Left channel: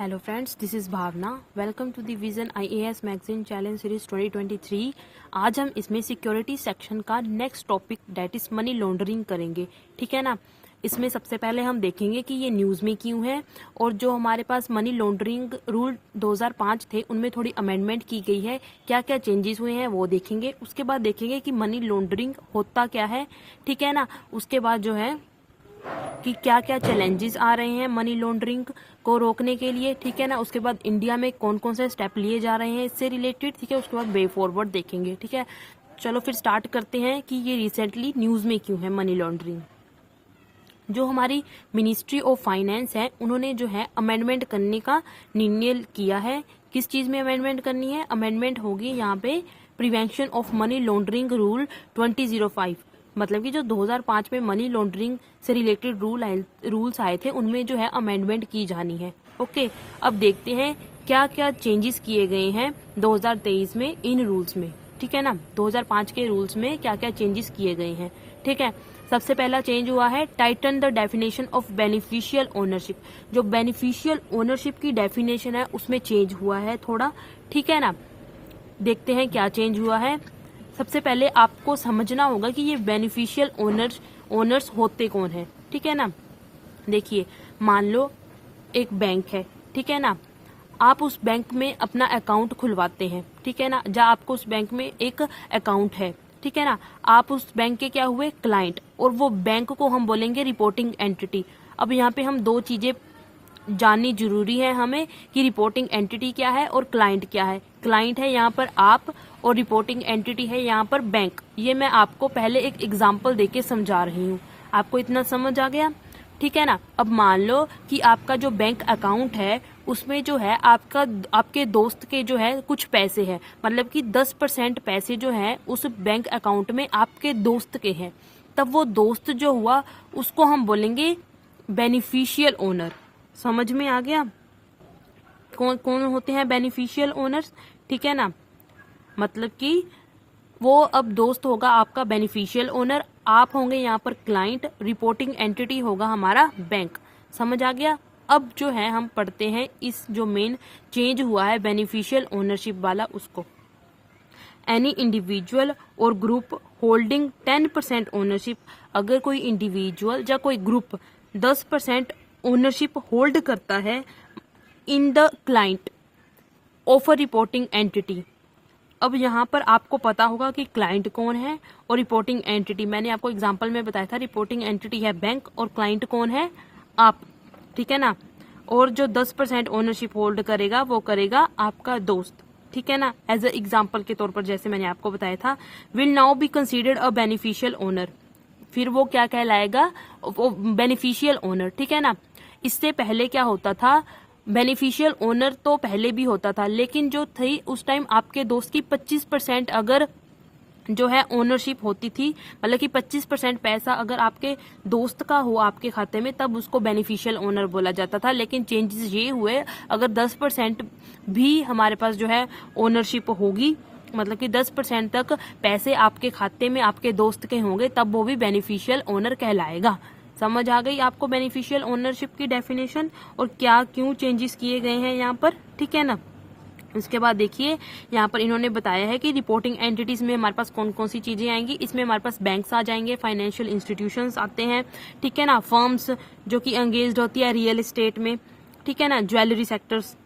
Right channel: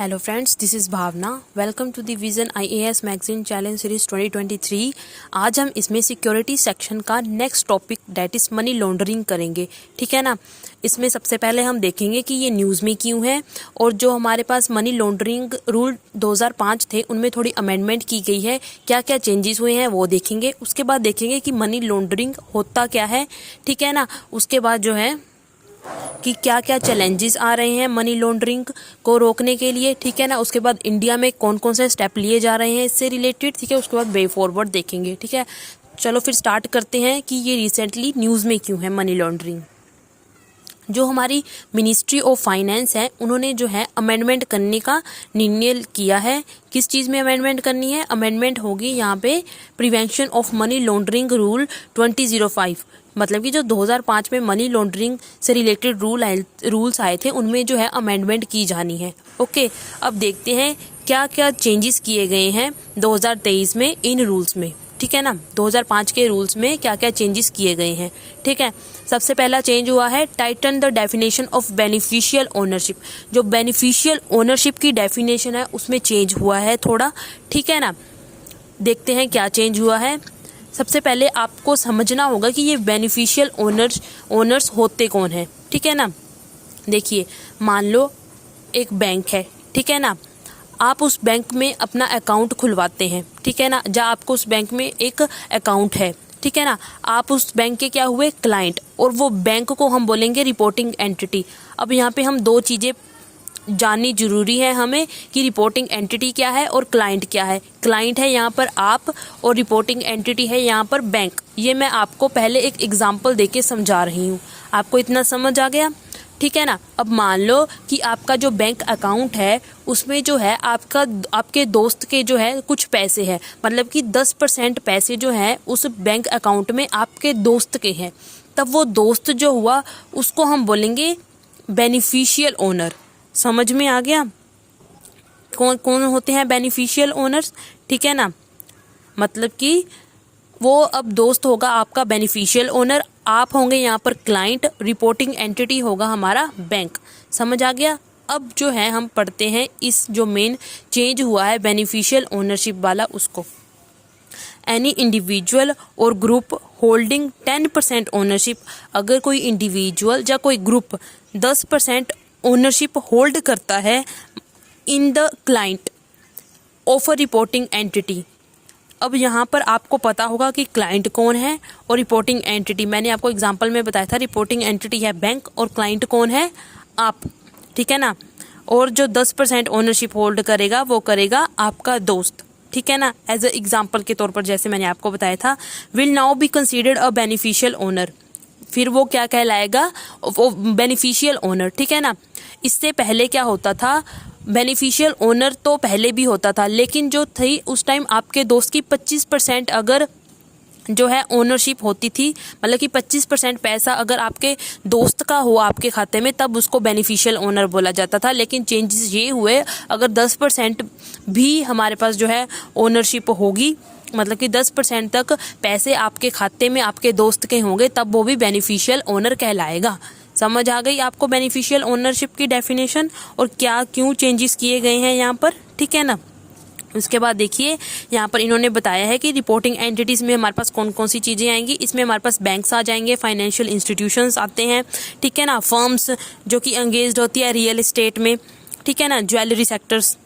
Hello friends, this is Bhavna. Welcome to the vision IAS magazine challenge series 2023। आज हम इसमें security section का next topic that is money laundering करेंगे। ठीक है ना। इसमें सबसे पहले हम देखेंगे कि ये न्यूज़ में क्यों है और जो हमारे पास मनी लॉन्ड्रिंग रूल 2005 थे उनमें थोड़ी अमेंडमेंट की गई है, क्या क्या चेंजेस हुए हैं वो देखेंगे। उसके बाद देखेंगे कि मनी लॉन्ड्रिंग होता क्या है। ठीक है ना। उसके बाद जो है कि क्या क्या चैलेंजेस आ रहे हैं मनी लॉन्ड्रिंग को रोकने के लिए। ठीक है ना। उसके बाद इंडिया में कौन कौन से स्टेप लिए जा रहे हैं इससे रिलेटेड। ठीक है। उसके बाद वे फॉरवर्ड देखेंगे। ठीक है। चलो फिर स्टार्ट करते हैं कि ये रिसेंटली न्यूज़ में क्यों है मनी लॉन्ड्रिंग। जो हमारी मिनिस्ट्री ऑफ फाइनेंस है उन्होंने जो है अमेंडमेंट करने का निर्णय किया है। किस चीज़ में अमेंडमेंट करनी है? अमेंडमेंट होगी यहाँ पे prevention of money laundering rule 2005। मतलब कि जो 2005 में मनी लॉन्ड्रिंग से रिलेटेड रूल्स आए थे उनमें जो है अमेंडमेंट की जानी है। ओके। अब देखते हैं क्या क्या चेंजेस किए गए हैं 2023 में इन रूल्स में। ठीक है ना। 2005 के रूल्स में क्या क्या चेंजेस किए गए हैं। ठीक है। सबसे पहला चेंज हुआ है Titan the definition of beneficial ownership. जो बेनिफिशियल ओनरशिप की डेफिनेशन है उसमें चेंज हुआ है थोड़ा। ठीक है ना। देखते हैं क्या चेंज हुआ है। सबसे पहले आपको समझना होगा कि ये बेनिफिशियल ओनर्स होते कौन हैं। ठीक है ना। देखिए, मान लो एक बैंक है। ठीक है ना। आप उस बैंक में अपना अकाउंट खुलवाते हैं। ठीक है ना। जहाँ आपको उस बैंक में एक अकाउंट है। ठीक है ना। आप उस बैंक के क्या हुए? क्लाइंट। और वो बैंक को हम बोलेंगे रिपोर्टिंग एंटिटी। अब यहाँ पे हम दो चीज़ें जाननी जरूरी है हमें कि रिपोर्टिंग एंटिटी क्या है और क्लाइंट क्या है। क्लाइंट है यहाँ पर आप और रिपोर्टिंग एंटिटी है यहाँ पर बैंक। ये मैं आपको पहले एक एग्जांपल देके समझा रही हूँ। आपको इतना समझ आ गया? ठीक है ना। अब मान लो कि आपका जो बैंक अकाउंट है उसमें जो है आपके दोस्त के जो है कुछ पैसे हैं। मतलब कि 10% पैसे जो हैं उस बैंक अकाउंट में आपके दोस्त के हैं। तब वो दोस्त जो हुआ उसको हम बोलेंगे बेनिफिशियल ओनर। समझ में आ गया? कौन कौन होते हैं बेनिफिशियल ओनर्स? ठीक है ना। मतलब कि वो अब दोस्त होगा आपका बेनिफिशियल ओनर, आप होंगे यहाँ पर क्लाइंट, रिपोर्टिंग एंटिटी होगा हमारा बैंक। समझ आ गया? अब जो है हम पढ़ते हैं इस जो मेन चेंज हुआ है बेनिफिशियल ओनरशिप वाला उसको। एनी इंडिविजुअल और ग्रुप होल्डिंग 10% ओनरशिप। अगर कोई इंडिविजुअल या कोई ग्रुप 10% ओनरशिप होल्ड करता है in the client of a reporting entity. अब यहाँ पर आपको पता होगा कि क्लाइंट कौन है और रिपोर्टिंग एंटिटी। मैंने आपको एग्जांपल में बताया था रिपोर्टिंग एंटिटी है बैंक और क्लाइंट कौन है? आप। ठीक है ना। और जो 10% ओनरशिप होल्ड करेगा वो करेगा आपका दोस्त। ठीक है ना। एज अ एग्जाम्पल के तौर पर जैसे मैंने आपको बताया था, will now be considered a beneficial owner. फिर वो क्या कहलाएगा? वो बेनिफिशियल ओनर। ठीक है ना। इससे पहले क्या होता था? बेनिफिशियल ओनर तो पहले भी होता था, लेकिन जो थी उस टाइम आपके दोस्त की 25% अगर जो है ओनरशिप होती थी, मतलब कि 25% पैसा अगर आपके दोस्त का हो आपके खाते में, तब उसको बेनिफिशियल ओनर बोला जाता था। लेकिन चेंजेस ये हुए, अगर 10% भी हमारे पास जो है ओनरशिप होगी, मतलब कि 10% तक पैसे आपके खाते में आपके दोस्त के होंगे, तब वो भी बेनिफिशियल ओनर कहलाएगा। समझ आ गई आपको बेनिफिशियल ओनरशिप की डेफिनेशन और क्या क्यों चेंजेस किए गए हैं यहाँ पर? ठीक है ना। उसके बाद देखिए यहाँ पर इन्होंने बताया है कि रिपोर्टिंग एंटिटीज़ में हमारे पास कौन कौन सी चीज़ें आएंगी। इसमें हमारे पास बैंक्स आ जाएंगे, फाइनेंशियल इंस्टीट्यूशंस आते हैं। ठीक है ना। फर्म्स जो कि एंगेज्ड होती है रियल एस्टेट में। ठीक है ना। ज्वेलरी सेक्टर्स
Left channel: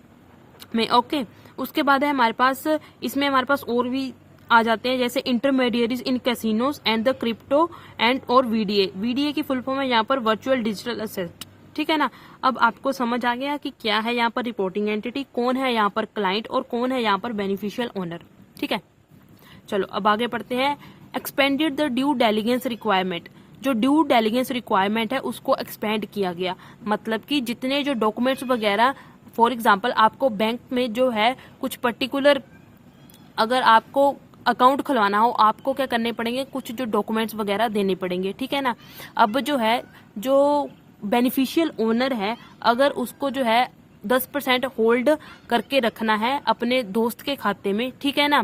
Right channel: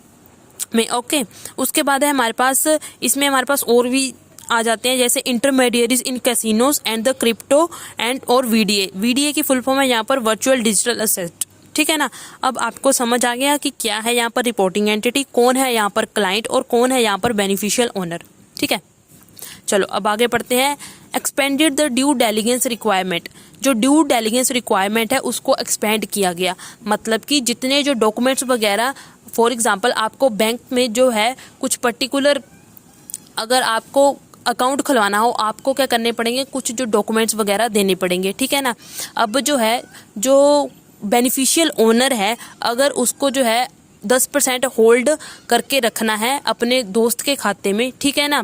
में। ओके। उसके बाद है हमारे पास, इसमें हमारे पास और भी आ जाते हैं जैसे intermediaries in casinos and the crypto and और वीडीए। वीडीए की फुल फॉर्म है यहाँ पर वर्चुअल डिजिटल असेट। ठीक है ना। अब आपको समझ आ गया कि क्या है यहाँ पर रिपोर्टिंग एंटिटी, कौन है यहाँ पर क्लाइंट और कौन है यहाँ पर बेनिफिशियल ओनर। ठीक है। चलो अब आगे बढ़ते हैं। Expanded the due diligence requirement. जो ड्यू डेलिगेंस रिक्वायरमेंट है उसको एक्सपेंड किया गया। मतलब कि जितने जो डॉक्यूमेंट्स वगैरह, फॉर एग्जांपल आपको बैंक में जो है कुछ पर्टिकुलर, अगर आपको अकाउंट खुलवाना हो, आपको क्या करने पड़ेंगे? कुछ जो डॉक्यूमेंट्स वगैरह देने पड़ेंगे। ठीक है ना। अब जो है जो बेनिफिशियल ओनर है, अगर उसको जो है 10% होल्ड करके रखना है अपने दोस्त के खाते में, ठीक है ना,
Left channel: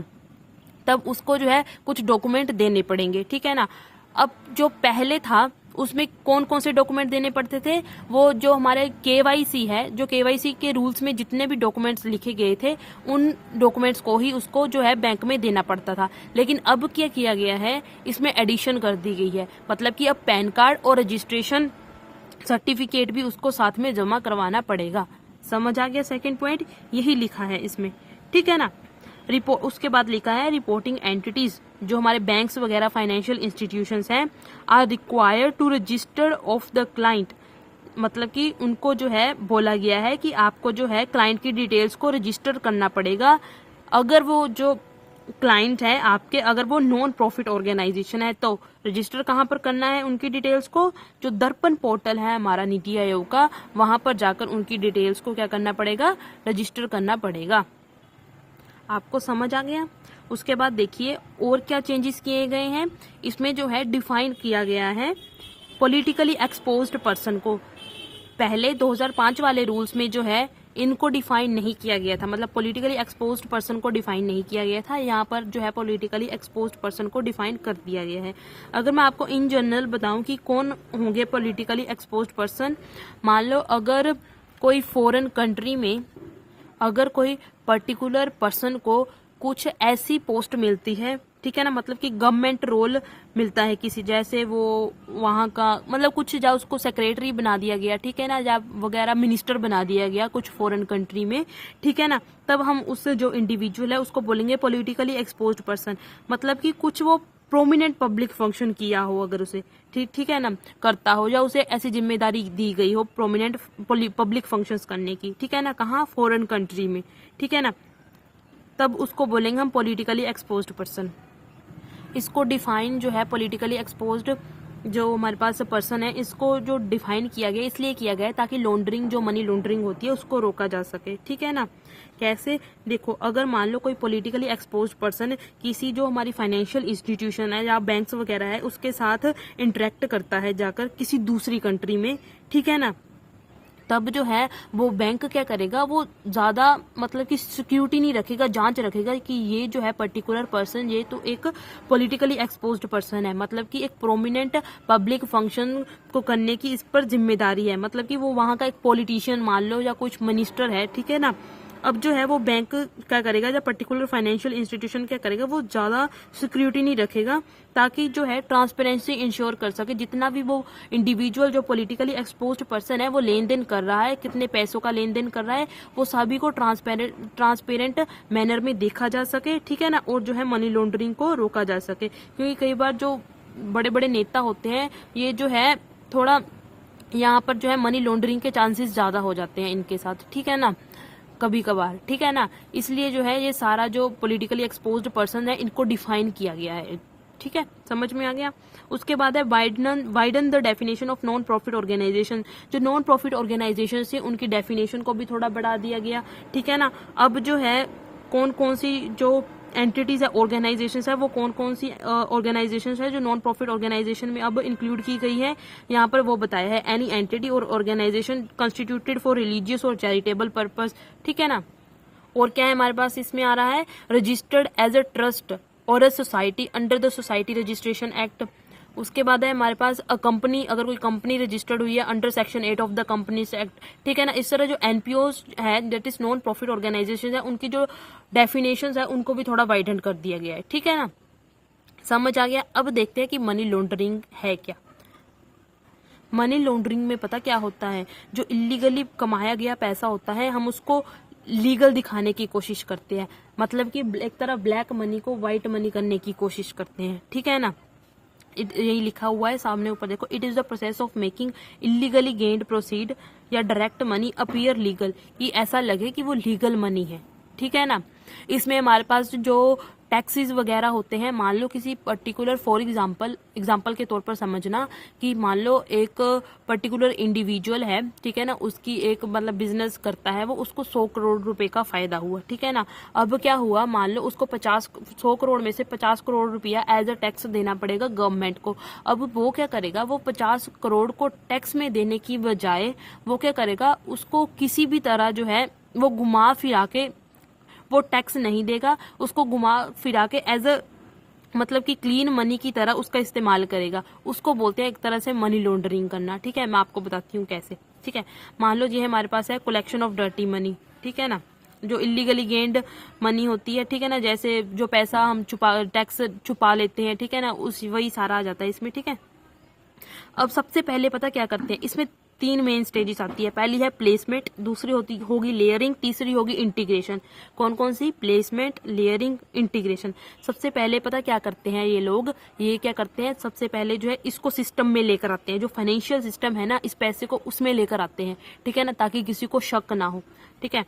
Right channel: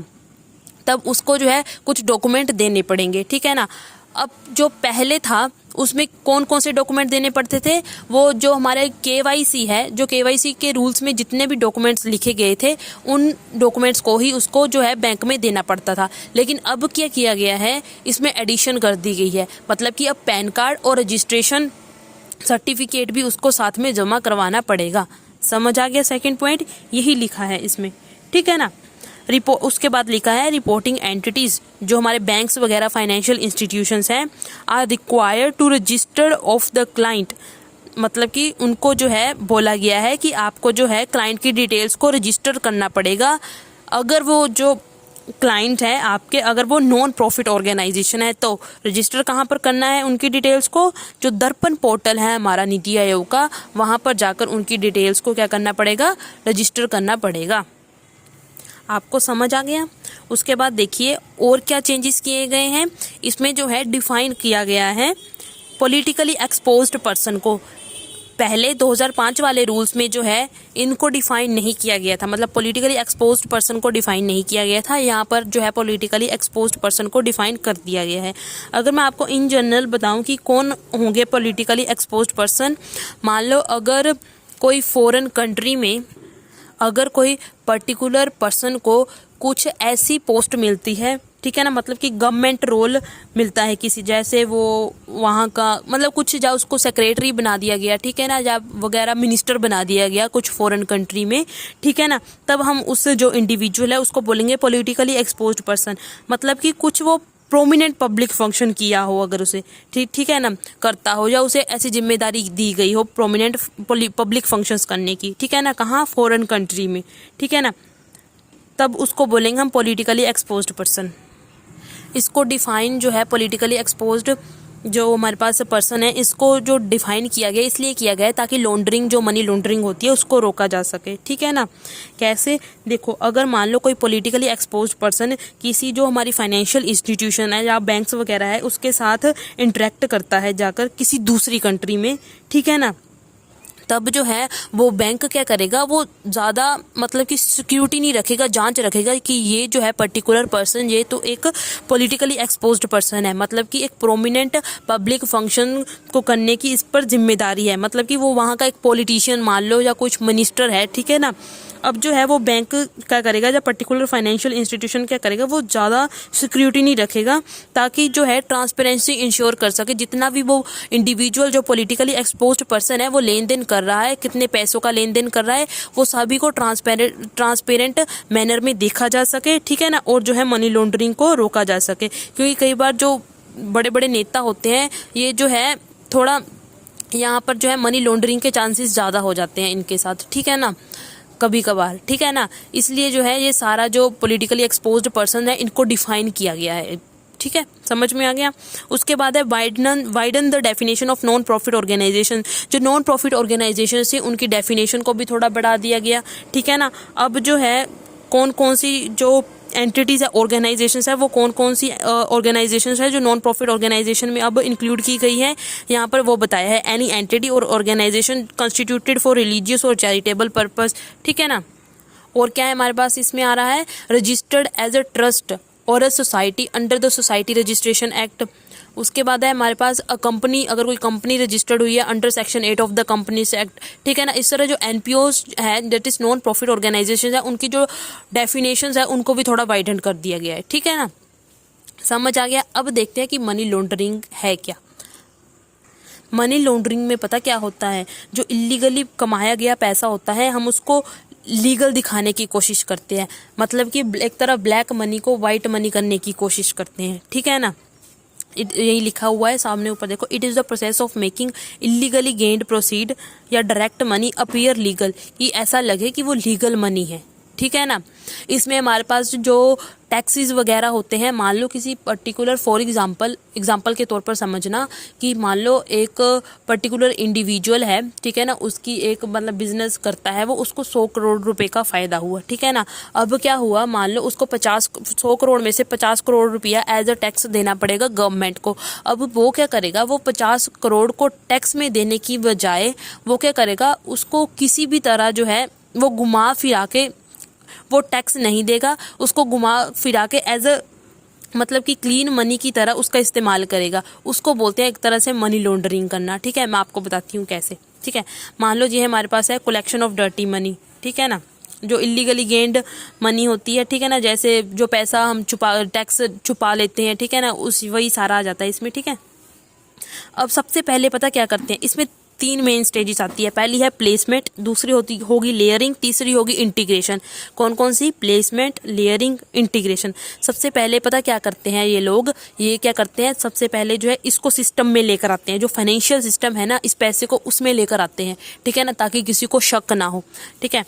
तब उसको जो है कुछ डॉक्यूमेंट देने पड़ेंगे। ठीक है ना। अब जो पहले था उसमें कौन कौन से डॉक्यूमेंट देने पड़ते थे, वो जो हमारे केवाईसी है, जो केवाईसी के रूल्स में जितने भी डॉक्यूमेंट्स लिखे गए थे उन डॉक्यूमेंट्स को ही उसको जो है बैंक में देना पड़ता था। लेकिन अब क्या किया गया है, इसमें एडिशन कर दी गई है, मतलब कि अब पैन कार्ड और रजिस्ट्रेशन सर्टिफिकेट भी उसको साथ में जमा करवाना पड़ेगा। समझ आ गया? सेकंड पॉइंट यही लिखा है इसमें, ठीक है ना। उसके बाद लिखा है रिपोर्टिंग एंटिटीज, जो हमारे बैंक्स वगैरह फाइनेंशियल इंस्टीट्यूशंस हैं, are required to register of the client, मतलब कि उनको जो है बोला गया है कि आपको जो है क्लाइंट की डिटेल्स को रजिस्टर करना पड़ेगा। अगर वो जो क्लाइंट है आपके, अगर वो नॉन प्रॉफिट ऑर्गेनाइजेशन है तो रजिस्टर कहाँ पर करना है उनकी डिटेल्स को, जो दर्पण पोर्टल है हमारा नीति आयोग का, वहाँ पर जाकर उनकी डिटेल्स को क्या करना पड़ेगा, रजिस्टर करना पड़ेगा। आपको समझ आ गया? उसके बाद देखिए और क्या चेंजेस किए गए हैं इसमें, जो है डिफाइन किया गया है पॉलिटिकली एक्सपोज्ड पर्सन को। पहले 2005 वाले रूल्स में जो है इनको डिफाइन नहीं किया गया था, मतलब पॉलिटिकली एक्सपोज्ड पर्सन को डिफाइन नहीं किया गया था। यहाँ पर जो है पॉलिटिकली एक्सपोज्ड पर्सन को डिफाइन कर दिया गया है। अगर मैं आपको इन जनरल बताऊं कि कौन होंगे पॉलिटिकली एक्सपोज्ड पर्सन, मान लो अगर कोई फॉरेन कंट्री में अगर कोई पर्टिकुलर पर्सन को कुछ ऐसी पोस्ट मिलती है, ठीक है ना, मतलब कि गवर्नमेंट रोल मिलता है किसी, जैसे वो वहाँ का मतलब कुछ जा उसको सेक्रेटरी बना दिया गया, ठीक है ना, या वगैरह मिनिस्टर बना दिया गया कुछ फॉरेन कंट्री में, ठीक है ना, तब हम उस जो इंडिविजुअल है उसको बोलेंगे पॉलिटिकली एक्सपोज्ड पर्सन। मतलब कि कुछ वो प्रोमिनेंट पब्लिक फंक्शन किया हो, अगर उसे ठीक है ना करता हो, या उसे ऐसी जिम्मेदारी दी गई हो प्रोमिनेंट पब्लिक फंक्शंस करने की, ठीक है ना, कहाँ, फॉरेन कंट्री में, ठीक है ना, तब उसको बोलेंगे हम पॉलिटिकली एक्सपोज्ड पर्सन। इसको डिफाइन जो है पॉलिटिकली एक्सपोज्ड जो हमारे पास पर्सन है, इसको जो डिफाइन किया गया इसलिए किया गया है ताकि लॉन्ड्रिंग, जो मनी लॉन्ड्रिंग होती है उसको रोका जा सके, ठीक है ना। कैसे? देखो, अगर मान लो कोई पॉलिटिकली एक्सपोज्ड पर्सन किसी जो हमारी फाइनेंशियल इंस्टीट्यूशन है या बैंक्स वगैरह है उसके साथ इंटरेक्ट करता है जाकर किसी दूसरी कंट्री में, ठीक है ना, तब जो है वो बैंक क्या करेगा, वो ज़्यादा मतलब कि सिक्योरिटी नहीं रखेगा, जांच रखेगा कि ये जो है पर्टिकुलर पर्सन ये तो एक पॉलिटिकली एक्सपोज्ड पर्सन है, मतलब कि एक प्रोमिनेंट पब्लिक फंक्शन को करने की इस पर जिम्मेदारी है, मतलब कि वो वहाँ का एक पॉलिटिशियन मान लो या कुछ मिनिस्टर है, ठीक है ना। अब जो है वो बैंक क्या करेगा, या पर्टिकुलर फाइनेंशियल इंस्टीट्यूशन क्या करेगा, वो ज़्यादा सिक्योरिटी नहीं रखेगा ताकि जो है ट्रांसपेरेंसी इंश्योर कर सके। जितना भी वो इंडिविजुअल जो पॉलिटिकली एक्सपोज्ड पर्सन है वो लेन देन कर रहा है, कितने पैसों का लेन देन कर रहा है, वो सभी को ट्रांसपेरेंट मैनर में देखा जा सके, ठीक है ना, और जो है मनी लॉन्ड्रिंग को रोका जा सके। क्योंकि कई बार जो बड़े बड़े नेता होते हैं ये जो है थोड़ा यहाँ पर जो है मनी लॉन्ड्रिंग के चांसेस ज़्यादा हो जाते हैं इनके साथ, ठीक है ना, कभी कभार, ठीक है ना। इसलिए जो है ये सारा जो पॉलिटिकली एक्सपोज्ड पर्सन है इनको डिफाइन किया गया है, ठीक है, समझ में आ गया। उसके बाद है widen the definition of non profit organization. जो नॉन प्रॉफिट ऑर्गेनाइजेशन है उनकी डेफिनेशन को भी थोड़ा बढ़ा दिया गया, ठीक है ना। अब जो है कौन कौन सी जो एंटिटीज है, ऑर्गेनाइजेशंस है, वो कौन कौन सी ऑर्गेनाइजेशंस है जो नॉन प्रॉफिट ऑर्गेनाइजेशन में अब इंक्लूड की गई है, यहाँ पर वो बताया है एनी एंटिटी और ऑर्गेनाइजेशन कंस्टिट्यूटेड फॉर रिलीजियस और चैरिटेबल पर्पस, ठीक है ना। और क्या है हमारे पास इसमें आ रहा है, रजिस्टर्ड एज अ ट्रस्ट और a society under the society registration act. उसके बाद है हमारे पास अ कंपनी, अगर कोई कंपनी रजिस्टर्ड हुई है under section 8 of the companies act, ठीक है ना। इस तरह जो एनपीओज है that is non profit organization है, उनकी जो डेफिनेशंस है उनको भी थोड़ा वाइडन कर दिया गया है, ठीक है ना, समझ आ गया। अब देखते हैं कि मनी लॉन्ड्रिंग है क्या। मनी लॉन्ड्रिंग में पता क्या होता है, जो इलीगली कमाया गया पैसा होता है हम उसको लीगल दिखाने की कोशिश करते हैं, मतलब कि एक तरह ब्लैक मनी को वाइट मनी करने की कोशिश करते हैं, ठीक है ना। यही लिखा हुआ है सामने ऊपर देखो, it is the process of making illegally gained proceed या डायरेक्ट मनी अपीयर लीगल, कि ऐसा लगे कि वो लीगल मनी है, ठीक है ना। इसमें हमारे पास जो टैक्सेस वगैरह होते हैं, मान लो किसी पर्टिकुलर फॉर एग्जांपल के तौर पर समझना कि मान लो एक पर्टिकुलर इंडिविजुअल है, ठीक है ना, उसकी एक मतलब बिजनेस करता है वो, उसको 100 करोड़ रुपए का फायदा हुआ, ठीक है ना। अब क्या हुआ, मान लो उसको 100 करोड़ में से 50 करोड़ रुपया एज अ टैक्स देना पड़ेगा गवर्नमेंट को। अब वो क्या करेगा, वो 50 करोड़ को टैक्स में देने की बजाय वो क्या करेगा, उसको किसी भी तरह जो है वो घुमा फिरा के वो टैक्स नहीं देगा, उसको घुमा फिरा के एज अ मतलब कि क्लीन मनी की तरह उसका इस्तेमाल करेगा, उसको बोलते हैं एक तरह से मनी लॉन्ड्रिंग करना। ठीक है, मैं आपको बताती हूँ कैसे। ठीक है, मान लो ये हमारे पास है कलेक्शन ऑफ डर्टी मनी। ठीक है ना, जो इलीगली गेन्ड मनी होती है। ठीक है ना, जैसे जो पैसा हम टैक्स छुपा लेते हैं। ठीक है ना, उस वही सारा आ जाता है इसमें। ठीक है, अब सबसे पहले पता क्या करते हैं, इसमें 3 मेन स्टेजेस आती है। पहली है प्लेसमेंट, दूसरी होगी लेयरिंग, तीसरी होगी इंटीग्रेशन। कौन कौन सी? Placement, layering, integration. सबसे पहले पता क्या करते हैं ये लोग, ये क्या करते हैं, सबसे पहले जो है इसको सिस्टम में लेकर आते हैं। जो फाइनेंशियल सिस्टम है ना, इस पैसे को उसमें लेकर आते हैं। ठीक है ना, ताकि किसी को शक ना हो। ठीक है,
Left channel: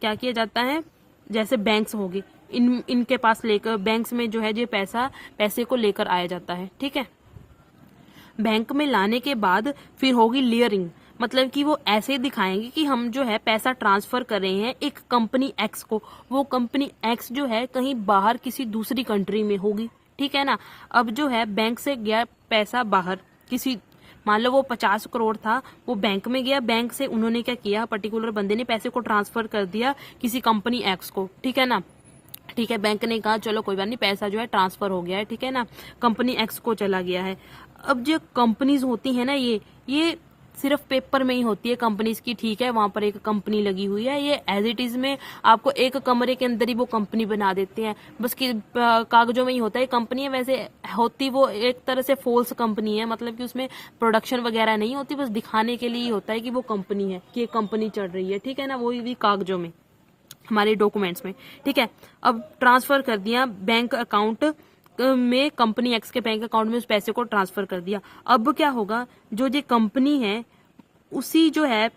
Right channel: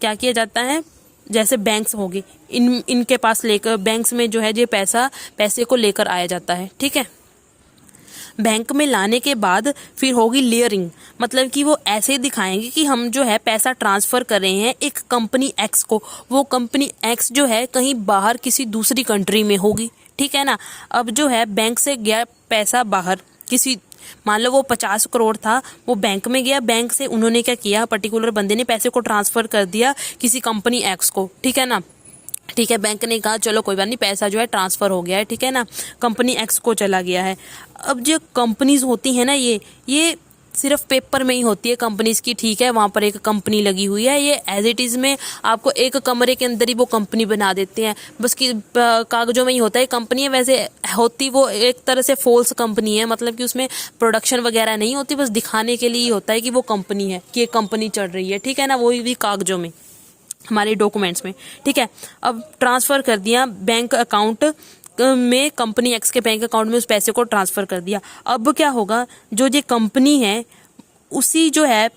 क्या किया जाता है, जैसे बैंक्स होंगे, इनके पास लेकर बैंक्स में जो है ये पैसे को लेकर आया जाता है। ठीक है, बैंक में लाने के बाद फिर होगी लेयरिंग, मतलब कि वो ऐसे दिखाएंगे कि हम जो है पैसा ट्रांसफ़र कर रहे हैं एक कंपनी एक्स को। वो कंपनी एक्स जो है कहीं बाहर किसी दूसरी कंट्री में होगी। ठीक है ना, अब जो है बैंक से गया पैसा बाहर किसी, मान लो वो 50 करोड़ था, वो बैंक में गया, बैंक से उन्होंने क्या किया, पर्टिकुलर बंदे ने पैसे को ट्रांसफ़र कर दिया किसी कंपनी एक्स को। ठीक है ना, ठीक है, बैंक ने कहा चलो कोई बात नहीं, पैसा जो है ट्रांसफ़र हो गया है। ठीक है ना, कंपनी एक्स को चला गया है। अब जो कंपनीज होती है ना, ये सिर्फ पेपर में ही होती है कंपनीज की। ठीक है, वहाँ पर एक कंपनी लगी हुई है, ये एज इट इज़ में आपको एक कमरे के अंदर ही वो कंपनी बना देते हैं, बस कि कागजों में ही होता है कंपनी है। वैसे होती वो एक तरह से फॉल्स कंपनी है, मतलब कि उसमें प्रोडक्शन वगैरह नहीं होती, बस दिखाने के लिए ही होता है कि वो कंपनी है, कि एक कंपनी चल रही है। ठीक है ना, वो भी कागजों में, हमारे डॉक्यूमेंट्स में। ठीक है, अब ट्रांसफ़र कर दिया बैंक अकाउंट में, कंपनी एक्स के बैंक अकाउंट में उस पैसे को ट्रांसफ़र कर दिया। अब क्या होगा, जो ये कंपनी है उसी जो है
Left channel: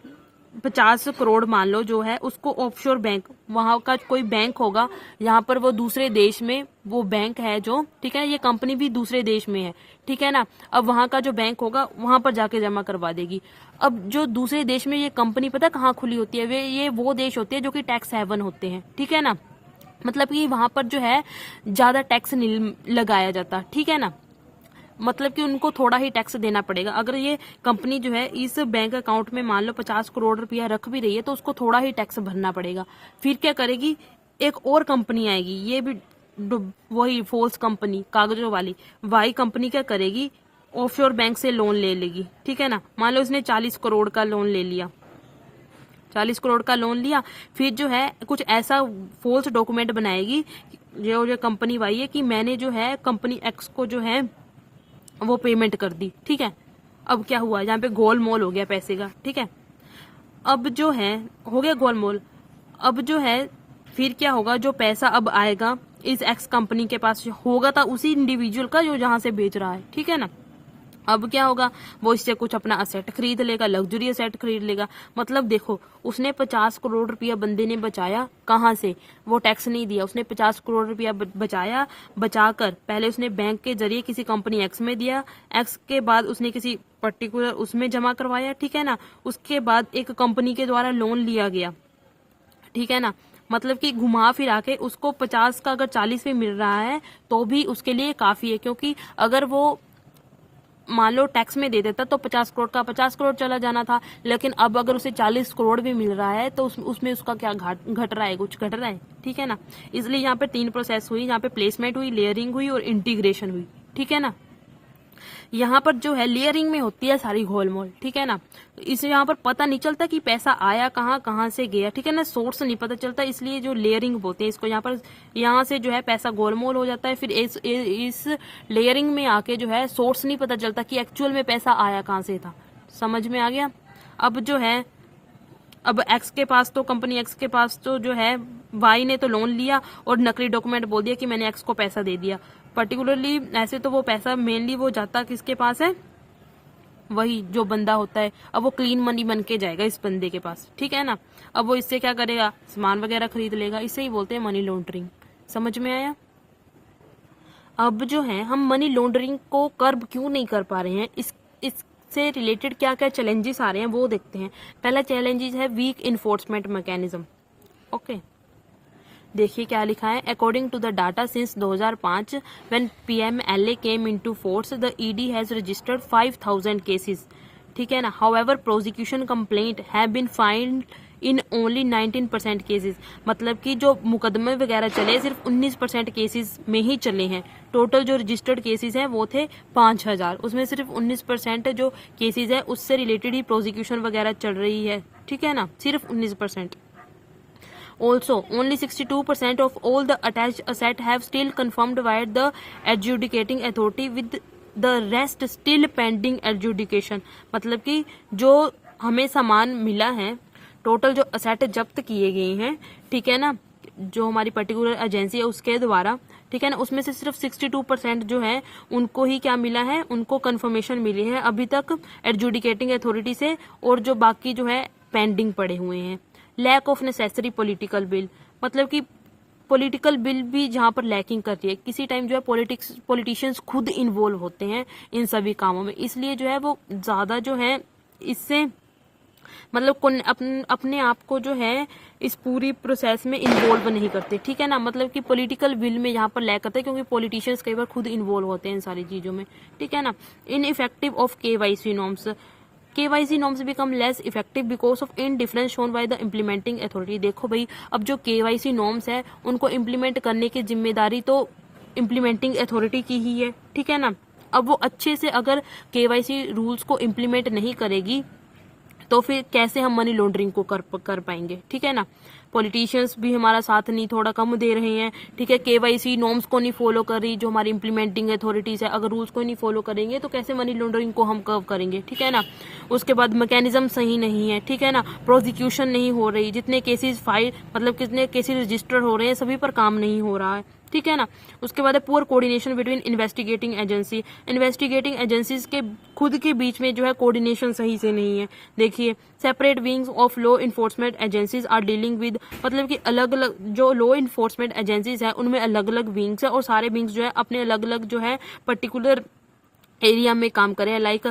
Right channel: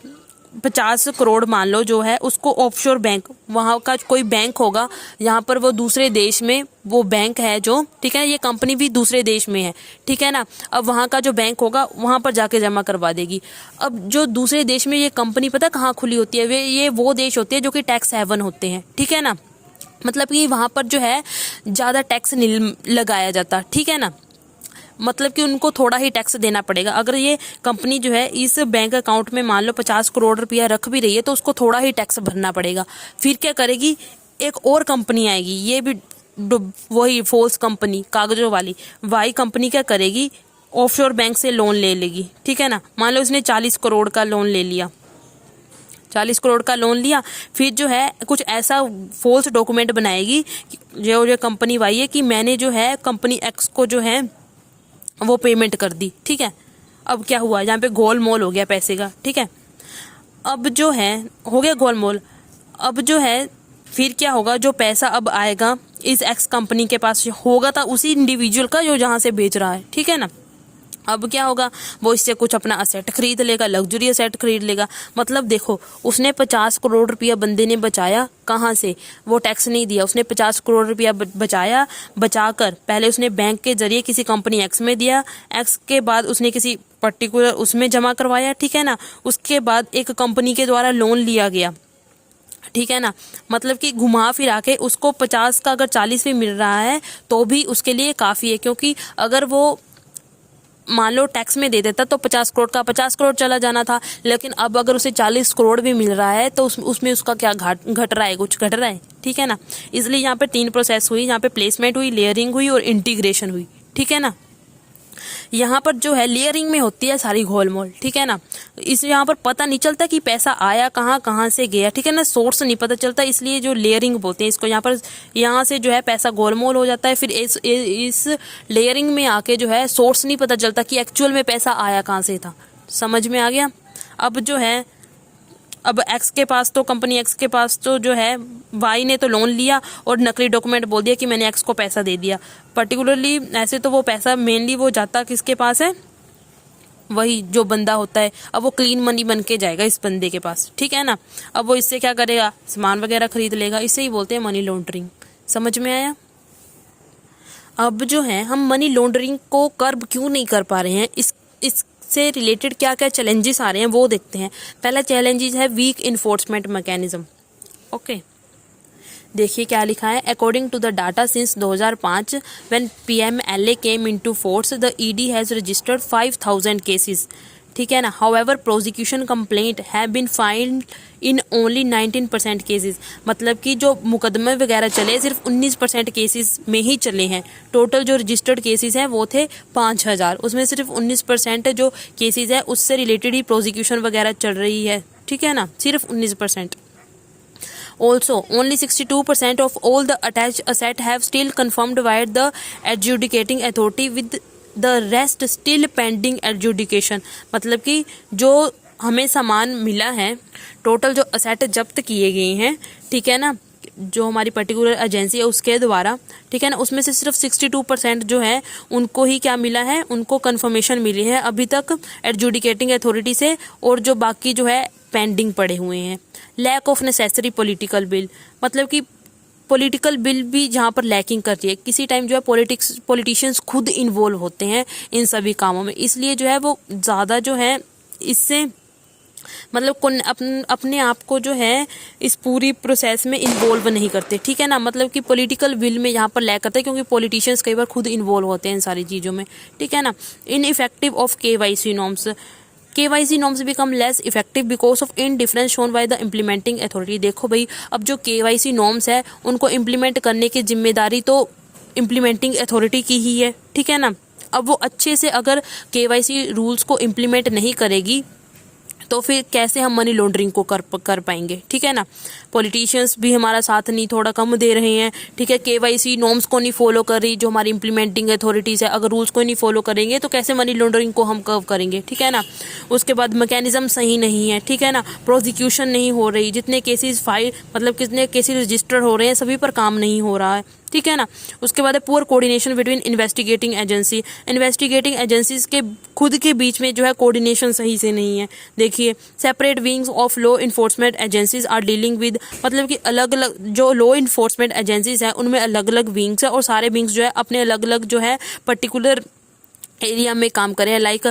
50 करोड़ मान लो जो है, उसको ऑफशोर बैंक, वहाँ का कोई बैंक होगा, यहाँ पर वो दूसरे देश में वो बैंक है जो, ठीक है, ये कंपनी भी दूसरे देश में है। ठीक है ना, अब वहाँ का जो बैंक होगा वहाँ पर जाके जमा करवा देगी। अब जो दूसरे देश में ये कंपनी पता कहाँ खुली होती है, वो देश होते हैं जो कि टैक्स हेवन होते हैं। ठीक है ना, मतलब कि वहाँ पर जो है ज़्यादा टैक्स नहीं लगाया जाता। ठीक है ना, मतलब कि उनको थोड़ा ही टैक्स देना पड़ेगा। अगर ये कंपनी जो है इस बैंक अकाउंट में मान लो 50 करोड़ रुपया रख भी रही है, तो उसको थोड़ा ही टैक्स भरना पड़ेगा। फिर क्या करेगी, एक और कंपनी आएगी, ये भी वही फॉल्स कंपनी कागजों वाली, वाई कंपनी क्या करेगी, ऑफशोर बैंक से लोन ले लेगी। ठीक है ना, मान लो इसने 40 करोड़ का लोन ले लिया, 40 करोड़ का लोन लिया, फिर जो है कुछ ऐसा फॉल्स डॉक्यूमेंट बनाएगी जो कंपनी वाई है कि मैंने जो है कंपनी एक्स को जो है वो पेमेंट कर दी। ठीक है, अब क्या हुआ, यहाँ पे गोलमोल हो गया पैसे का। ठीक है, अब जो है हो गया गोलमोल। अब जो है फिर क्या होगा, जो पैसा अब आएगा इस एक्स कंपनी के पास होगा था उसी इंडिविजुअल का जो जहाँ से बेच रहा है। ठीक है ना, अब क्या होगा, वो इससे कुछ अपना असेट खरीद लेगा, लग्जरी असेट खरीद लेगा। मतलब देखो, उसने 50 करोड़ रुपया बंदे ने बचाया, कहाँ से, वो टैक्स नहीं दिया, उसने 50 करोड़ रुपया बचाया, बचाकर पहले उसने बैंक के जरिए किसी कंपनी एक्स में दिया, एक्स के बाद उसने किसी पर्टिकुलर उसमें जमा करवाया। ठीक है ना, उसके बाद एक कंपनी के द्वारा लोन लिया गया। ठीक है ना, मतलब कि घुमा फिरा के उसको 50 का अगर 40 भी मिल रहा है तो भी उसके लिए काफ़ी है, क्योंकि अगर वो मान लो टैक्स में दे देता तो 50 करोड़ का 50 करोड़ चला जाना था, लेकिन अब अगर उसे 40 करोड़ भी मिल रहा है तो उसमें उसका क्या घट रहा है, कुछ घट रहा है। ठीक है ना, इसलिए यहाँ पे 3 प्रोसेस हुई, यहाँ पे प्लेसमेंट हुई, लेयरिंग हुई और इंटीग्रेशन हुई। ठीक है ना, यहाँ पर जो है लेयरिंग में होती है सारी घोलमोल। ठीक है ना, इस यहाँ पर पता नहीं चलता कि पैसा आया कहाँ से गया। ठीक है ना, सोर्स नहीं पता चलता, इसलिए जो लेयरिंग बोलते हैं इसको। यहाँ से जो है पैसा गोलमोल हो जाता है, फिर इस लेयरिंग में आके जो है सोर्स नहीं पता चलता कि एक्चुअल में पैसा आया कहाँ से था। समझ में आ गया। अब जो है, अब एक्स के पास तो कंपनी एक्स के पास तो जो है वाई ने तो लोन लिया और नकली डॉक्यूमेंट बोल दिया कि मैंने एक्स को पैसा दे दिया। पर्टिकुलरली ऐसे तो वो पैसा मेनली वो जाता किसके पास है, वही जो बंदा होता है। अब वो क्लीन मनी बन के जाएगा इस बंदे के पास। ठीक है ना, अब वो इससे क्या करेगा, सामान वगैरह खरीद लेगा। इसे ही बोलते हैं मनी लॉन्ड्रिंग। समझ में आया। अब जो है हम मनी लॉन्ड्रिंग को कर्ब क्यों नहीं कर पा रहे हैं, इससे रिलेटेड क्या क्या चैलेंजेस आ रहे हैं वो देखते हैं। पहला चैलेंजेस है वीक इन्फोर्समेंट मैकेनिज्म। ओके, देखिए क्या लिखा है। According to the data since 2005 when PMLA came into force the ED has registered 5000 cases. ठीक है ना। However prosecution complaint have been filed in only 19% cases, मतलब कि जो मुकदमे वगैरह चले सिर्फ 19% केसेस में ही चले हैं। टोटल जो रजिस्टर्ड केसेस हैं वो थे 5000, उसमें सिर्फ 19% जो केसेस है उससे रिलेटेड ही प्रोसिक्यूशन वगैरह चल रही है, ठीक है ना, सिर्फ 19%। Also, only 62% of all the attached asset have still confirmed by the adjudicating authority, with the rest still pending adjudication। मतलब कि जो हमें सामान मिला है, टोटल जो असेट जब्त किए गए हैं, ठीक है ना, जो हमारी पर्टिकुलर एजेंसी है उसके द्वारा, ठीक है ना, उसमें से सिर्फ 62% जो है उनको ही क्या मिला है, उनको कंफर्मेशन मिली है अभी तक एडजुडिकेटिंग अथॉरिटी से, और जो बाकी जो है पेंडिंग पड़े हुए हैं। Lack of necessary political will, मतलब कि पॉलिटिकल बिल भी जहाँ पर लैकिंग करती है। किसी टाइम जो है पॉलिटिशियंस खुद इन्वॉल्व होते हैं इन सभी कामों में, इसलिए जो है वो ज़्यादा जो है इससे मतलब अपने आप को जो है इस पूरी प्रोसेस में इन्वॉल्व नहीं करते, ठीक है ना, मतलब कि पॉलिटिकल विल में यहाँ पर लैक करते हैं, क्योंकि पॉलिटिशियंस कई बार खुद इन्वॉल्व होते हैं इन सारी चीज़ों में, ठीक है ना। Ineffective of KYC norms, KYC norms become less effective because of indifference shown by the implementing authority. देखो भाई, अब जो KYC नॉर्म्स है उनको इम्प्लीमेंट करने की जिम्मेदारी तो इम्प्लीमेंटिंग अथॉरिटी की ही है, ठीक है ना। अब वो अच्छे से अगर KYC रूल्स को इम्प्लीमेंट नहीं करेगी तो फिर कैसे हम मनी लॉन्ड्रिंग को कर पाएंगे, ठीक है ना। पॉलिटिशियंस भी हमारा साथ नहीं, थोड़ा कम दे रहे हैं, ठीक है। KYC नॉर्म्स को नहीं फॉलो कर रही जो हमारी इम्प्लीमेंटिंग अथॉरिटीज़ है, अगर रूल्स को नहीं फॉलो करेंगे तो कैसे मनी लॉन्ड्रिंग को हम कर्व करेंगे, ठीक है ना। उसके बाद मैकेनिज्म सही नहीं है, ठीक है ना, प्रोसिक्यूशन नहीं हो रही, जितने केसेस फाइल मतलब कितने केसेस रजिस्टर हो रहे हैं सभी पर काम नहीं हो रहा है, ठीक है ना। उसके बाद है poor coordination between investigating agencies के खुद के बीच में जो है कोऑर्डिनेशन सही से नहीं है। देखिए, separate wings of law enforcement agencies are dealing with, मतलब कि अलग अलग जो लॉ इन्फोर्समेंट एजेंसीज हैं उनमें अलग अलग विंग्स है, और सारे विंग्स जो है अपने अलग अलग जो है पर्टिकुलर एरिया में काम कर रहे हैं। लाइक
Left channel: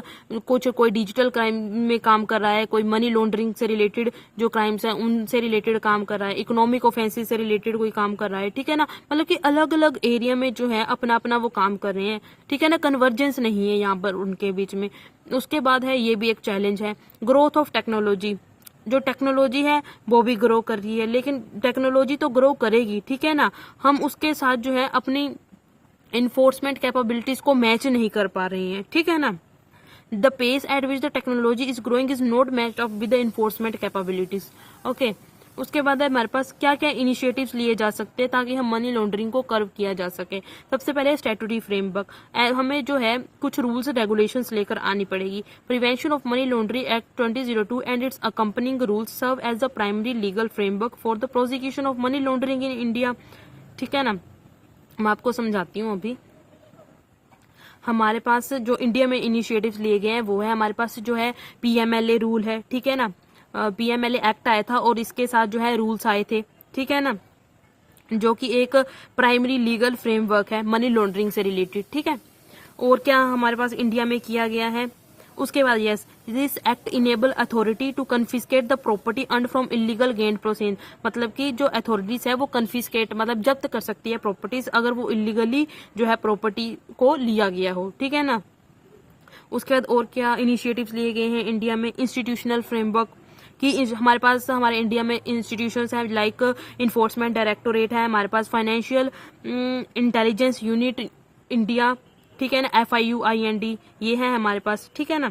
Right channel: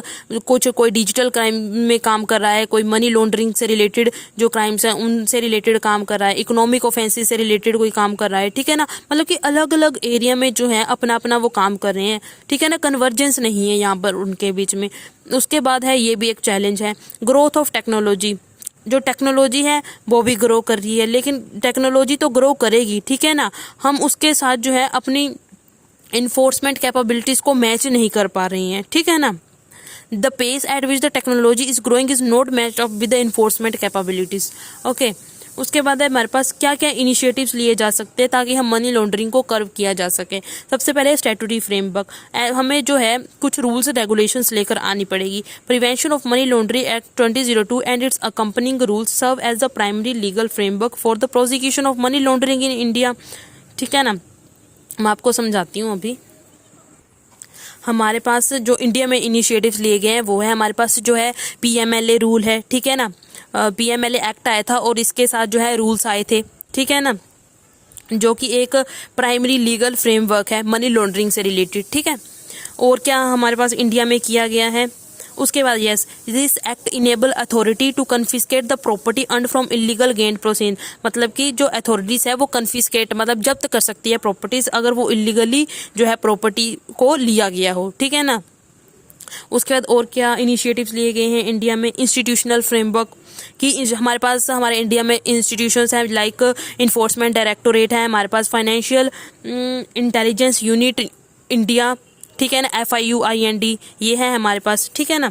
कोई डिजिटल क्राइम में काम कर रहा है, कोई मनी लॉन्ड्रिंग से रिलेटेड जो क्राइम्स हैं उनसे रिलेटेड काम कर रहा है, इकोनॉमिक ऑफेंसेस से रिलेटेड कोई काम कर रहा है, ठीक है ना। मतलब कि अलग अलग एरिया में जो है अपना अपना वो काम कर रहे हैं, ठीक है ना, कन्वर्जेंस नहीं है यहाँ पर उनके बीच में। उसके बाद है, ये भी एक चैलेंज है, ग्रोथ ऑफ टेक्नोलॉजी। जो टेक्नोलॉजी है वो भी ग्रो कर रही है, लेकिन टेक्नोलॉजी तो ग्रो करेगी, ठीक है ना, हम उसके साथ जो है अपनी इन्फोर्समेंट कैपेबिलिटीज को मैच नहीं कर पा रही हैं, ठीक है ना। The pace at which the technology is growing is not match up with the enforcement capabilities. Okay, उसके बाद है हमारे पास क्या क्या इनिशिएटिव्स लिए जा सकते हैं ताकि हम मनी लॉन्ड्रिंग को कर्व किया जा सके। सबसे पहले स्टैट्यूटरी फ्रेमवर्क, हमें जो है कुछ रूल्स रेगुलेशंस लेकर आनी पड़ेगी। Prevention of money laundering act 2002 and its accompanying rules serve as the primary legal framework for the prosecution of money laundering in India, ठीक है ना। मैं आपको समझाती हूँ। अभी हमारे पास जो इंडिया में इनिशिएटिव्स लिए गए हैं वो है, हमारे पास जो है PMLA रूल है, ठीक है ना, PMLA एक्ट आया था और इसके साथ जो है रूल्स आए थे, ठीक है ना, जो कि एक प्राइमरी लीगल फ्रेमवर्क है मनी लॉन्ड्रिंग से रिलेटेड, ठीक है। और क्या हमारे पास इंडिया में किया गया है, उसके बाद yes, this act enable authority to confiscate the property earn from illegal gain proceed, मतलब कि जो अथॉरिटीज है वो कन्फिस्केट मतलब जब्त कर सकती है प्रॉपर्टीज अगर वो इलीगली जो है प्रॉपर्टी को लिया गया हो, ठीक है ना। उसके बाद और क्या इनिशिएटिव्स लिए गए हैं इंडिया में, इंस्टीट्यूशनल फ्रेमवर्क कि हमारे पास हमारे इंडिया में इंस्टीट्यूशंस हैं, लाइक इन्फोर्समेंट डायरेक्टोरेट है, हमारे पास फाइनेंशियल इंटेलिजेंस यूनिट इंडिया, ठीक है ना, FIUIND ये है हमारे पास, ठीक है ना।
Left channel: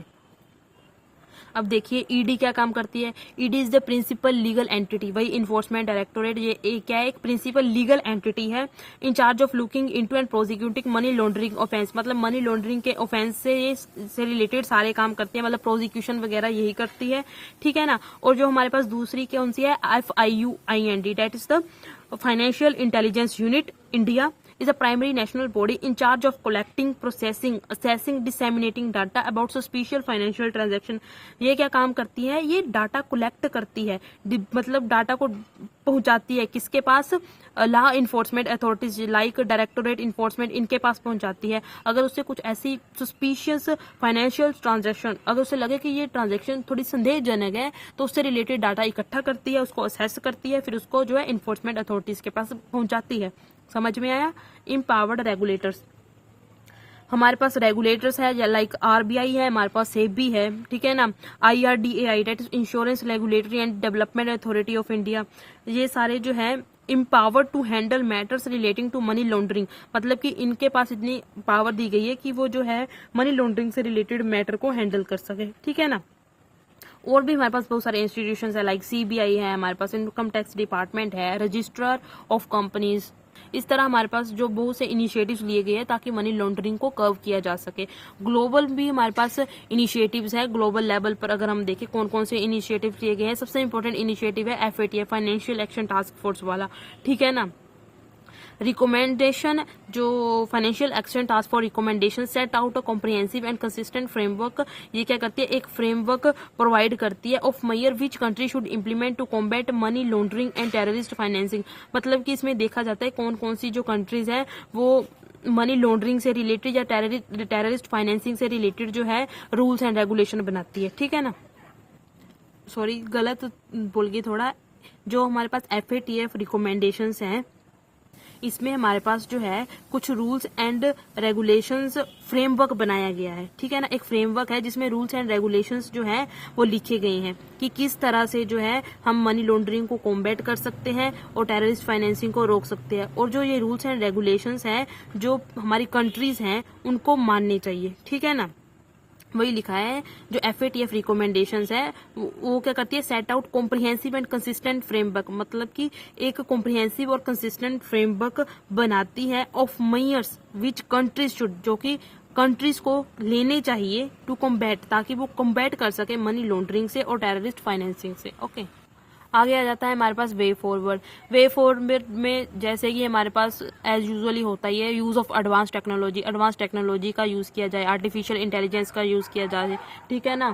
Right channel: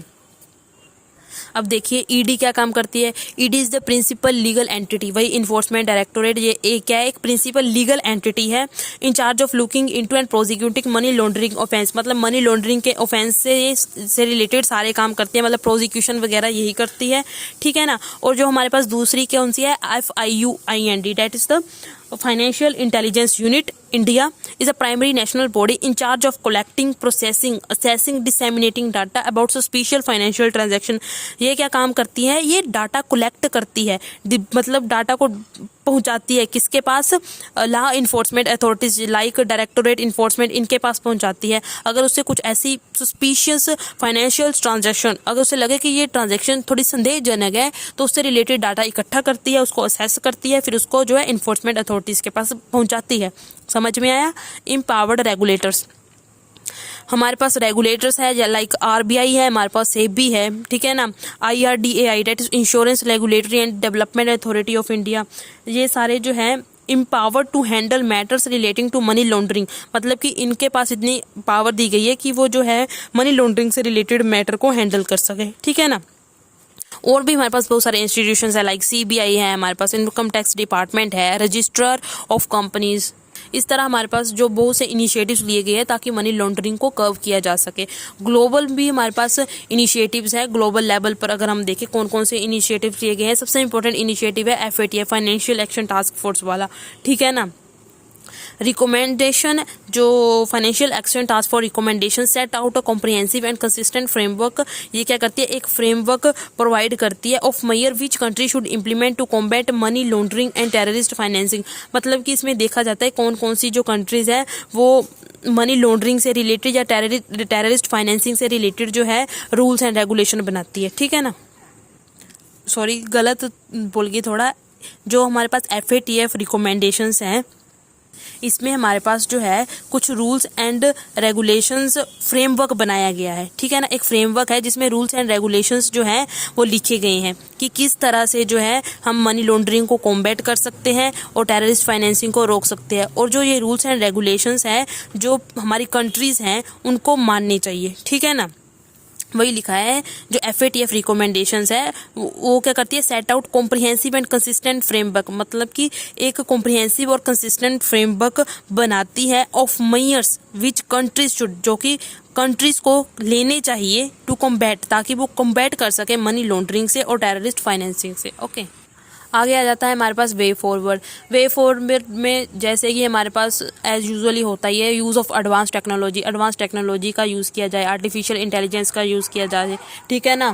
अब देखिए ED क्या काम करती है, ED is the principal legal entity, वही इन्फोर्समेंट डायरेक्टोरेट ये क्या है, एक प्रिंसिपल लीगल एंटिटी है in charge of looking into and prosecuting money laundering offence, मतलब मनी लॉन्ड्रिंग के ऑफेंस से रिलेटेड सारे काम करती है, मतलब प्रोसिक्यूशन वगैरह यही करती है, ठीक है ना। और जो हमारे पास दूसरी कौन सी है, FIUIND, that is the financial intelligence unit India is a primary national body in charge of collecting, processing, assessing, disseminating data about suspicious financial transaction। ये क्या काम करती है, ये डाटा कलेक्ट करती है, मतलब डाटा को पहुंचाती है किसके पास, law enforcement authorities like directorate enforcement, इनके पास पहुंचाती है। अगर उससे कुछ ऐसी सस्पिशियस फाइनेंशियल ट्रांजैक्शन, अगर उसे लगे कि ये ट्रांजैक्शन थोड़ी संदेहजनक है तो उससे रिलेटेड डाटा इकट्ठा करती है, उसको असेस करती है, फिर उसको जो है इन्फोर्समेंट अथॉरिटीज के पास पहुंचाती है। समझ में आया। एम्पावर्ड रेगुलेटर्स, हमारे पास रेगुलेटर्स है लाइक आरबीआई है, हमारे पास सेबी है, ठीक है ना, IRDAI that is insurance regulatory and development authority of India, ये सारे जो हैं empowered to handle matters relating to money laundering, मतलब कि इनके पास इतनी पावर दी गई है कि वो जो है मनी लॉन्ड्रिंग से रिलेटेड मैटर को हैंडल कर सके, ठीक है ना। और भी हमारे पास बहुत सारे इंस्टीट्यूशंस है लाइक सीबीआई है, हमारे पास इनकम टैक्स डिपार्टमेंट है, रजिस्ट्रार ऑफ कंपनीज। इस तरह हमारे पास जो बहुत से इनिशिएटिव्स लिए गए हैं ताकि मनी लॉन्ड्रिंग को कर्व किया जा सके। ग्लोबल भी हमारे पास इनिशिएटिव्स है, ग्लोबल लेवल पर अगर हम देखें कौन कौन से इनिशिएटिव्स लिए गए हैं, सबसे इंपॉर्टेंट इनिशिएटिव है FATF financial action task force वाला, ठीक है ना। रिकमेंडेशन जो financial action task force recommendation set out a comprehensive and consistent framework, ये क्या करती है, एक फ्रेमवर्क प्रोवाइड करती है of measure which country should implement to combat money laundering and terrorist financing, मतलब कि इसमें देखा जाता है कौन कौन सी जो कंट्रीज है वो मनी लॉन्ड्रिंग से रिलेटेड या टेररिस्ट फाइनेंसिंग से रिलेटेड जो है रूल्स एंड रेगुलेशन बनाती है, ठीक है ना। सॉरी गलत बोल गई थोड़ा, जो हमारे पास FATF रिकमेंडेशंस हैं इसमें हमारे पास जो है कुछ रूल्स एंड रेगुलेशंस फ्रेमवर्क बनाया गया है, ठीक है ना। एक फ्रेमवर्क है जिसमें रूल्स एंड रेगुलेशंस जो हैं वो लिखे गए हैं कि किस तरह से जो है हम मनी लॉन्ड्रिंग को कॉम्बैट कर सकते हैं और टेररिस्ट फाइनेंसिंग को रोक सकते हैं, और जो ये रूल्स एंड रेगुलेशंस हैं जो हमारी कंट्रीज़ हैं उनको मानने चाहिए, ठीक है ना। वही लिखा है जो FATF रिकमेंडेशंस है वो क्या करती है, set out comprehensive and consistent framework, मतलब कि एक कॉम्प्रिहेंसिव और कंसिस्टेंट फ्रेमवर्क बनाती है of measures which countries should, जो कि कंट्रीज को लेने चाहिए टू कॉम्बैट, ताकि वो कॉम्बैट कर सके मनी लॉन्ड्रिंग से और टेररिस्ट फाइनेंसिंग से, ओके। आगे आ जाता है हमारे पास वे फॉरवर्ड। वे फॉरवर्ड में जैसे कि हमारे पास एज यूजुअली होता ही है यूज़ ऑफ एडवांस टेक्नोलॉजी का यूज़ किया जाए, आर्टिफिशियल इंटेलिजेंस का यूज़ किया जाए, ठीक है ना,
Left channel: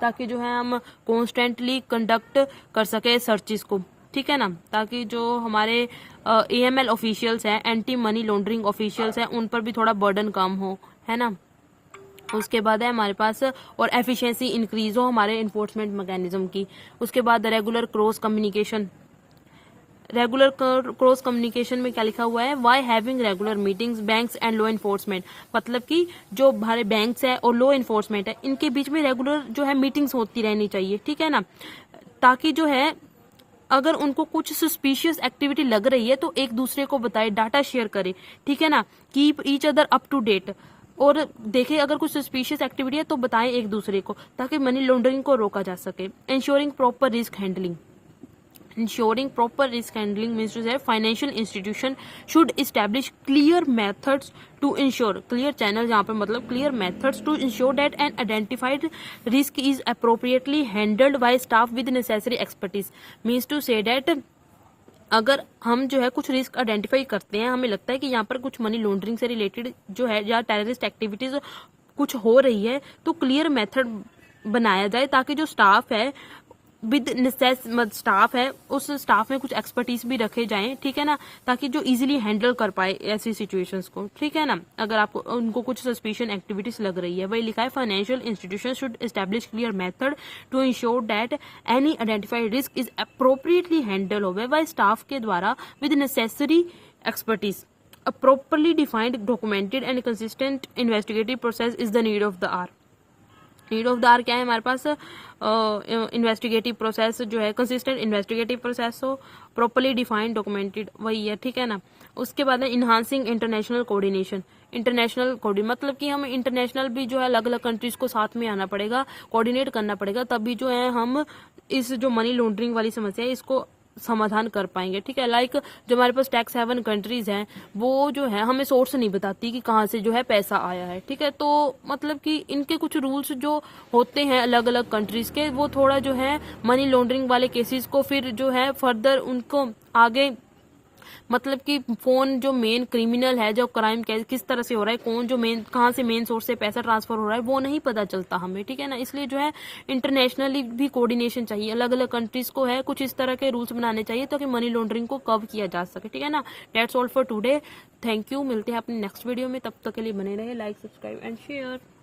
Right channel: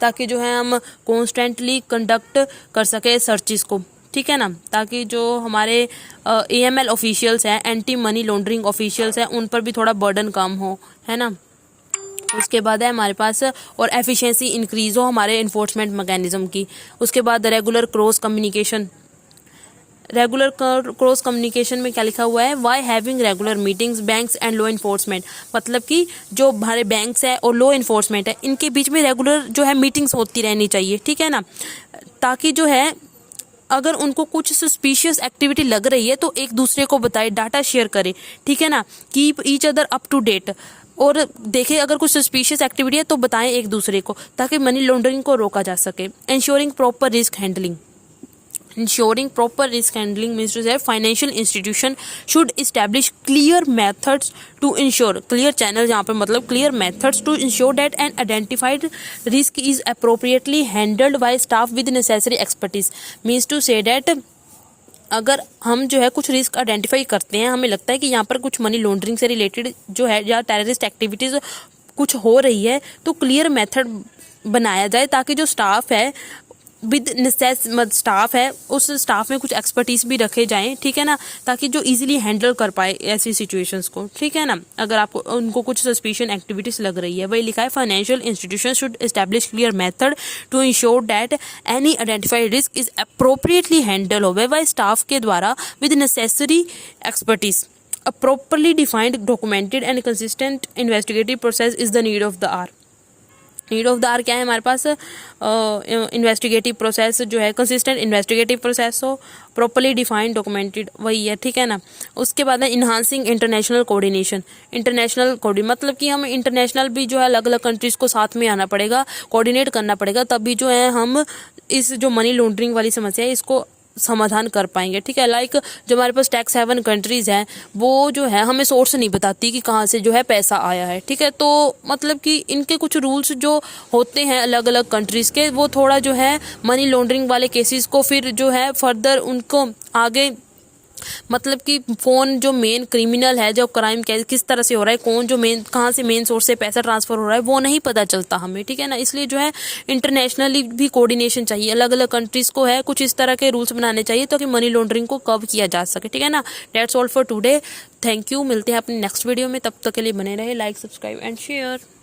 ताकि जो है हम कॉन्स्टेंटली कंडक्ट कर सके सर्चिस को, ठीक है ना, ताकि जो हमारे AML ऑफिशियल्स हैं, एंटी मनी लॉन्ड्रिंग ऑफिशियल्स हैं, उन पर भी थोड़ा बर्डन कम हो, है ना। उसके बाद है हमारे पास और एफिशिएंसी इंक्रीज हो हमारे इन्फोर्समेंट मैकेनिज्म की। उसके बाद रेगुलर क्रॉस कम्युनिकेशन में क्या लिखा हुआ है, by having regular meetings banks and law enforcement, मतलब कि जो हमारे बैंक्स है और लॉ इन्फोर्समेंट है इनके बीच में रेगुलर जो है मीटिंग्स होती रहनी चाहिए, ठीक है ना, ताकि जो है अगर उनको कुछ सस्पिशियस एक्टिविटी लग रही है तो एक दूसरे को बताए, डाटा शेयर करे, ठीक है ना, keep each other up to date, और देखें अगर कुछ सस्पिशियस एक्टिविटी है तो बताएं एक दूसरे को ताकि मनी लॉन्ड्रिंग को रोका जा सके। Ensuring proper risk handling means to say financial institution should establish clear methods to ensure, clear channel जहाँ पे मतलब clear methods to ensure that an identified risk is appropriately handled by staff with necessary expertise, means to say that अगर हम जो है कुछ risk identify करते हैं, हमें लगता है कि यहाँ पर कुछ मनी लॉन्ड्रिंग से रिलेटेड जो है या टेररिस्ट एक्टिविटीज़ कुछ हो रही है, तो क्लियर मेथड बनाया जाए ताकि जो स्टाफ है विद स्टाफ है उस स्टाफ में कुछ एक्सपर्टीज भी रखे जाएं, ठीक है ना, ताकि जो इजीली हैंडल कर पाए ऐसी सिचुएशंस को, ठीक है ना, अगर आपको उनको कुछ सस्पिशियस एक्टिविटीज लग रही है। वही लिखा है financial institution should establish clear method to ensure that any identified risk is appropriately handle होवे बाय स्टाफ के द्वारा with necessary expertise. A properly defined, documented and consistent investigative process is the need of the hour. Need of the hour क्या है हमारे पास, investigative process जो है consistent investigative process हो, प्रॉपरली डिफाइंड डॉक्यूमेंटेड, वही है, ठीक है ना। उसके बाद है इन्हांसिंग इंटरनेशनल कोऑर्डिनेशन, मतलब कि हमें इंटरनेशनल भी जो है अलग अलग कंट्रीज को साथ में आना पड़ेगा, कोऑर्डिनेट करना पड़ेगा, तभी जो है हम इस जो मनी लॉन्ड्रिंग वाली समस्या है इसको समाधान कर पाएंगे, ठीक है। लाइक जो हमारे पास टैक्स हेवन कंट्रीज हैं वो जो है हमें सोर्स नहीं बताती कि कहाँ से जो है पैसा आया है, ठीक है, तो मतलब कि इनके कुछ रूल्स जो होते हैं अलग अलग कंट्रीज के वो थोड़ा जो है मनी लॉन्ड्रिंग वाले केसेस को फिर जो है फर्दर उनको आगे मतलब कि कौन जो मेन क्रिमिनल है, जो क्राइम किस तरह से हो रहा है, कौन जो मेन कहाँ से मेन सोर्स से पैसा ट्रांसफर हो रहा है वो नहीं पता चलता हमें, ठीक है ना। इसलिए जो है इंटरनेशनली भी कोऑर्डिनेशन चाहिए, अलग अलग कंट्रीज को है कुछ इस तरह के रूल्स बनाने चाहिए ताकि मनी लॉन्ड्रिंग को कब किया जा सके, ठीक है ना। That's all for today, thank you, मिलते हैं अपने नेक्स्ट वीडियो में, तब तक के लिए बने रहे, लाइक सब्सक्राइब एंड शेयर।